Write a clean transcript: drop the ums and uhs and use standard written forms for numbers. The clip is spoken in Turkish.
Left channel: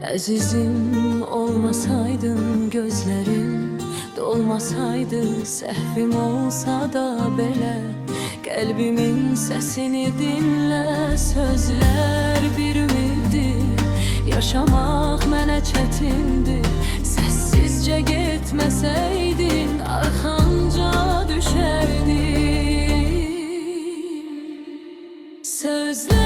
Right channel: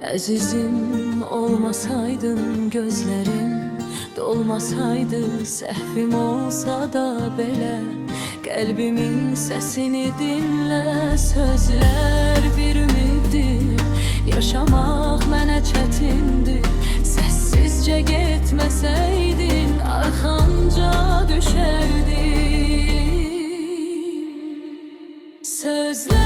Əzizim olmasaydın, gözlerin dolmasaydı, səhvim olsa da belə qəlbimin səsini dinlə. Sözlər bir ümiddir, yaşamaq mənə çətindir. Səssizcə getməsəydin, arxanca düşərdim. Sözlər